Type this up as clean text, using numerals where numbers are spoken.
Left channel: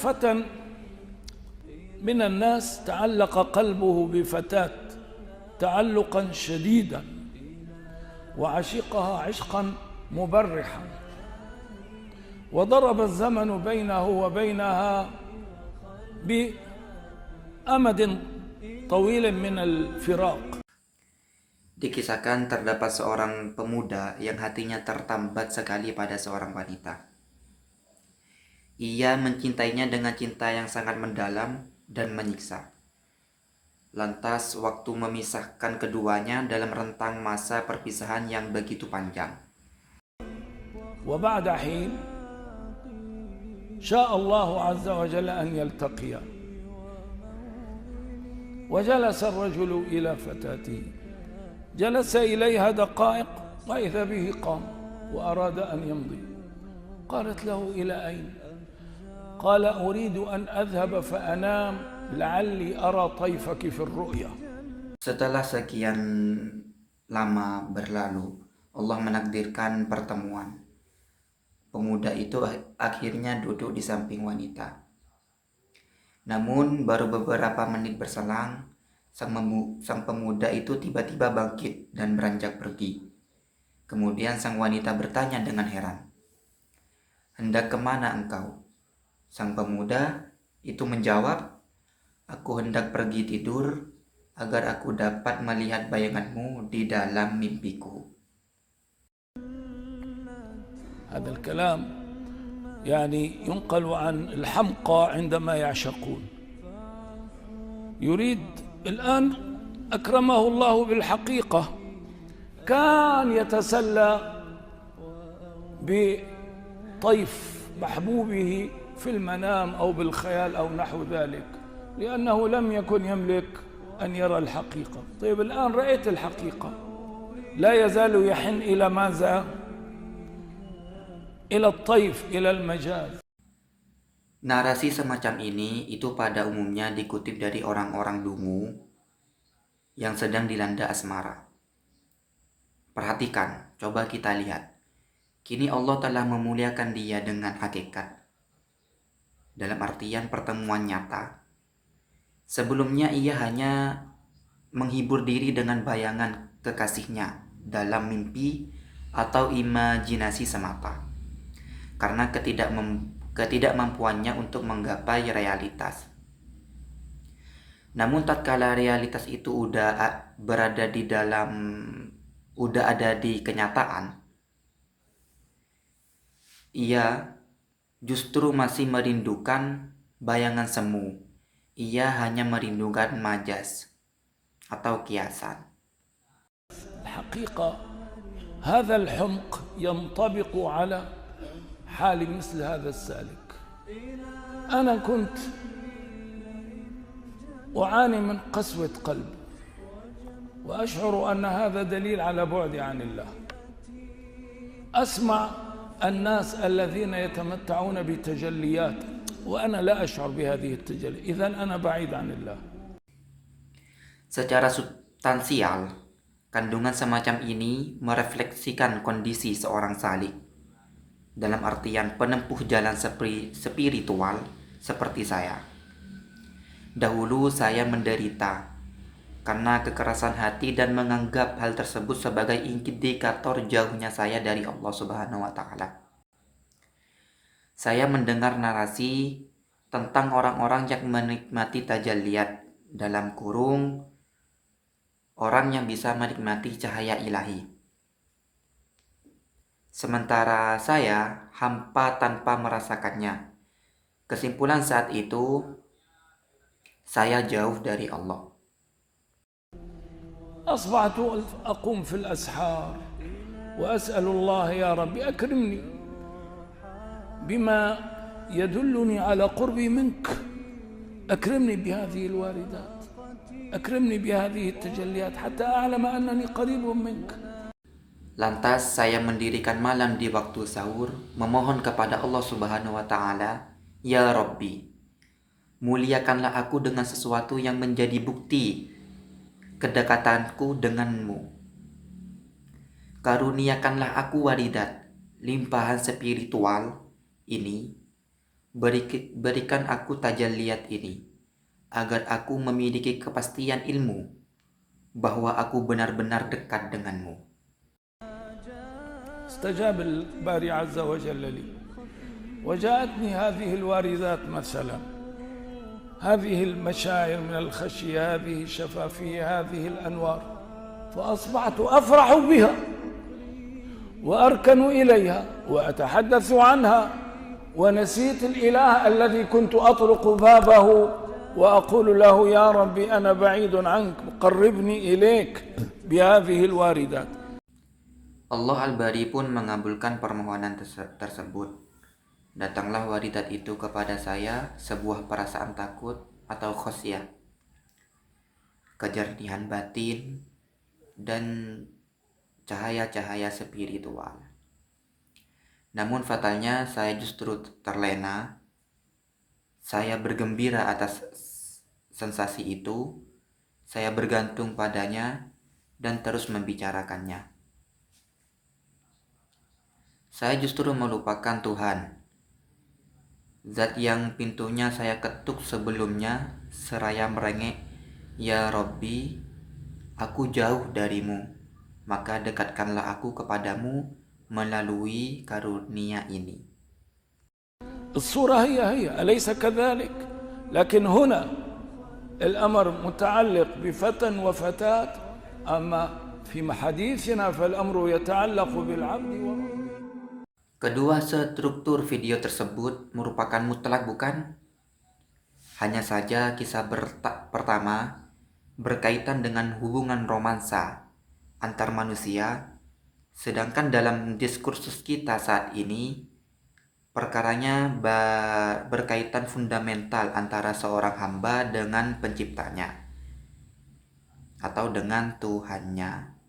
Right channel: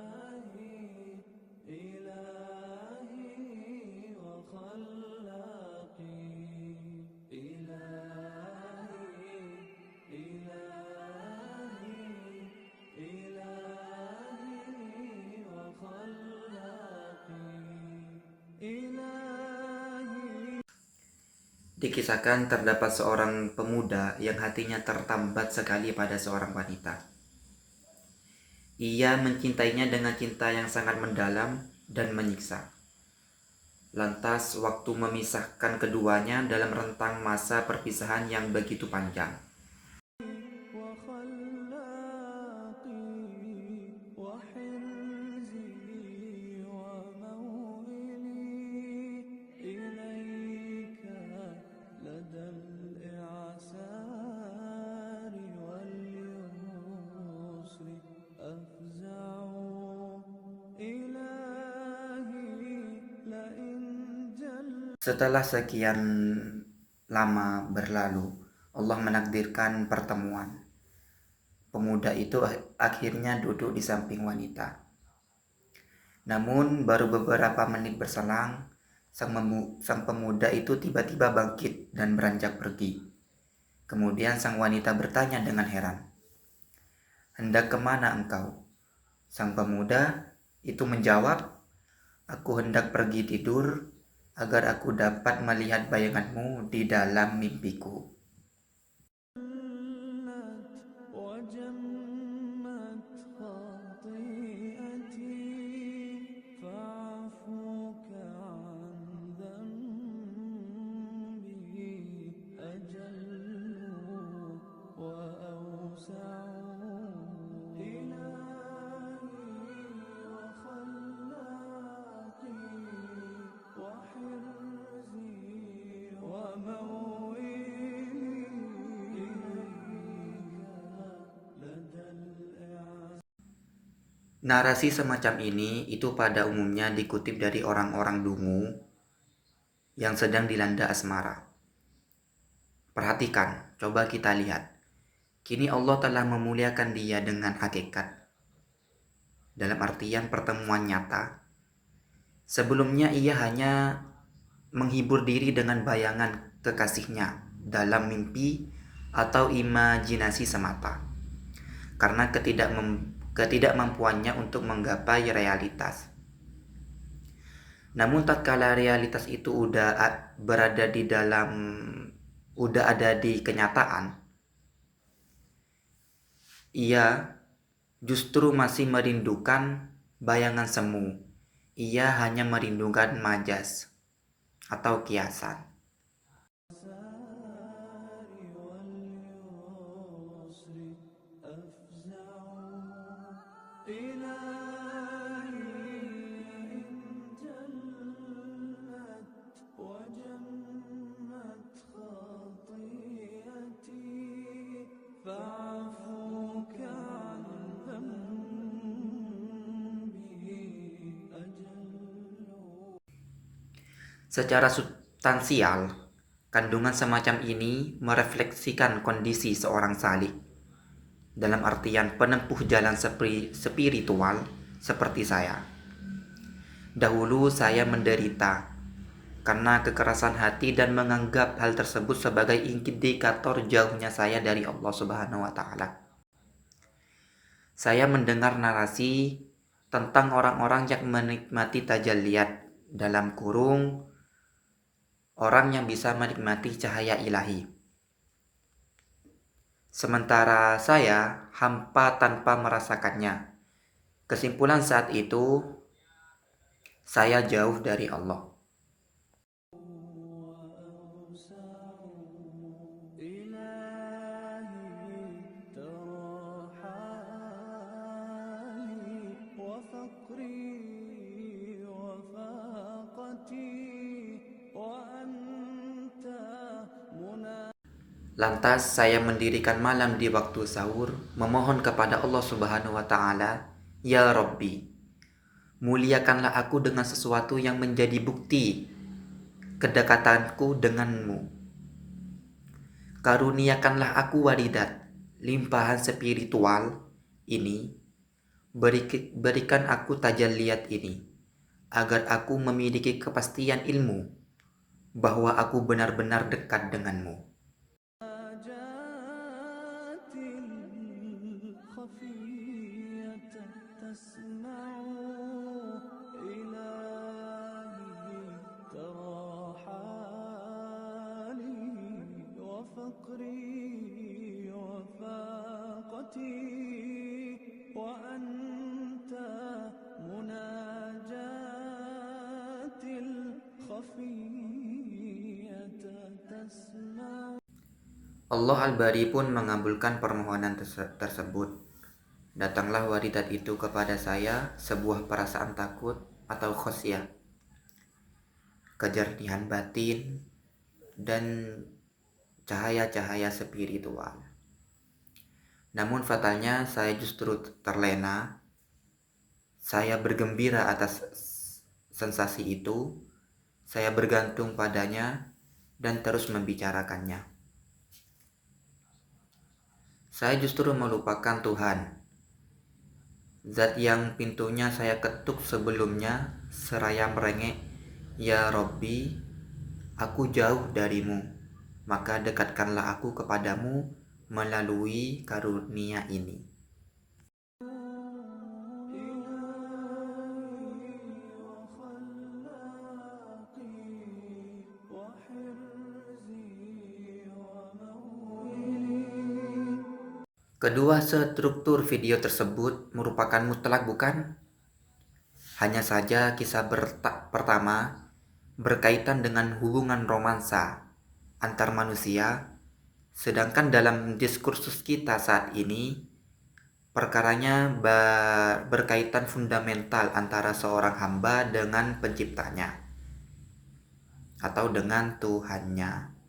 فتى من الناس تعلق قلبه بفتاة تعلقا شديدا وعشقها عشقا مبرحا، وضرب الزمن بينه وبينها بأمد طويل من الفراق. Dikisahkan terdapat seorang pemuda yang hatinya tertambat sekali pada seorang wanita. Ia mencintainya dengan cinta yang sangat mendalam dan menyiksa. Lantas waktu memisahkan keduanya dalam rentang masa perpisahan yang begitu panjang. وبعد حين شاء الله عز وجل أن يلتقيا، وجلس الرجل إلى فتاته، جلس إليها دقائق وإذا به قام وأراد أن يمضي. قالت له إلى أين؟ قال أريد أن أذهب فأنام لعلي أرى طيفك في الرؤيا. Setelah sekian lama berlalu, Allah menakdirkan pertemuan. Pemuda itu akhirnya duduk di samping wanita. Namun baru beberapa menit berselang, sang pemuda itu tiba-tiba bangkit dan beranjak pergi. Kemudian sang wanita bertanya dengan heran, "Hendak kemana engkau?" Sang pemuda itu menjawab, "Aku hendak pergi tidur agar aku dapat melihat bayanganmu di dalam mimpiku." هذا الكلام يعني ينقل عن الحمقى عندما يعشقون. يريد الآن أكرمه الله بالحقيقة، كان يتسلى بطيف محبوبه في المنام أو بالخيال أو نحو ذلك، لأنه لم يكن يملك أن يرى الحقيقة. طيب الآن رأيت الحقيقة، لا يزال يحن إلى ماذا؟ إلى الطيف، إلى المجاز. Narasi semacam ini itu pada umumnya dikutip dari orang-orang dungu yang sedang dilanda asmara. Perhatikan, coba kita lihat. Kini Allah telah memuliakan dia dengan hakikat. Dalam artian pertemuan nyata. Sebelumnya ia hanya menghibur diri dengan bayangan kekasihnya dalam mimpi atau imajinasi semata. Karena ketidakmampuannya untuk menggapai realitas. Namun tatkala realitas itu udah ada di kenyataan, ia justru masih merindukan bayangan semu. Ia hanya merindukan majas atau kiasan. الحقيقة هذا الحمق ينطبق على حال مثل هذا السالك. أنا كنت أعاني من قسوة قلب، وأشعر أن هذا دليل على بعدي عن الله. أسمع الناس الذين يتمتعون بتجليات وأنا لا أشعر بهذه التجلي، إذن أنا بعيد عن الله. Secara substansial, kandungan semacam ini merefleksikan kondisi seorang salik. Dalam artian penempuh jalan spiritual seperti saya. Dahulu saya menderita karena kekerasan hati dan menganggap hal tersebut sebagai indikator jauhnya saya dari Allah Subhanahu wa taala. Saya mendengar narasi tentang orang-orang yang menikmati tajalliyat, dalam kurung orang yang bisa menikmati cahaya ilahi. Sementara saya hampa tanpa merasakannya. Kesimpulan saat itu, saya jauh dari Allah. أصبحت أقوم في الأسحار وأسأل الله يا رب أكرمني بما يدلني على قربي منك، أكرمني بهذه الواردات، أكرمني بهذه التجليات حتى أعلم أنني قريب منك. Lantas saya mendirikan malam di waktu sahur, memohon kepada Allah Subhanahu wa taala, "Ya Rabbi, muliakanlah aku dengan sesuatu yang menjadi bukti kedekatanku denganmu. Karuniakanlah aku waridat, limpahan spiritual ini Berikan aku tajalliat ini, agar aku memiliki kepastian ilmu bahwa aku benar-benar dekat denganmu. استجاب الباري عز وجل لي وجاءتني هذه الواردات مثلا، هذه المشاعر من الخشية، هذه الشفافية، هذه الأنوار، فأصبحت أفرح بها وأركن إليها وأتحدث عنها، ونسيت الإله الذي كنت أطرق بابه وأقول له يا ربي أنا بعيد عنك قربني إليك بهذه الواردات. Allah Al-Bari pun mengabulkan permohonan tersebut. Datanglah waridat itu kepada saya, sebuah perasaan takut atau khosyah, kejernihan batin, dan cahaya-cahaya spiritual. Namun fatalnya saya justru terlena. Saya bergembira atas sensasi itu. Saya bergantung padanya dan terus membicarakannya. Saya justru melupakan Tuhan, zat yang pintunya saya ketuk sebelumnya seraya merengek, "Ya Robbi, aku jauh darimu, maka dekatkanlah aku kepadamu melalui karunia ini." الصورة هي أليس كذلك؟ لكن هنا الأمر متعلق بفتى وفتاة، أما في حديثنا فالأمر يتعلق بالعبد. Kedua struktur video tersebut merupakan mutlak, bukan? Hanya saja kisah pertama berkaitan dengan hubungan romansa antar manusia, sedangkan dalam diskursus kita saat ini perkaranya berkaitan fundamental antara seorang hamba dengan penciptanya atau dengan Tuhannya.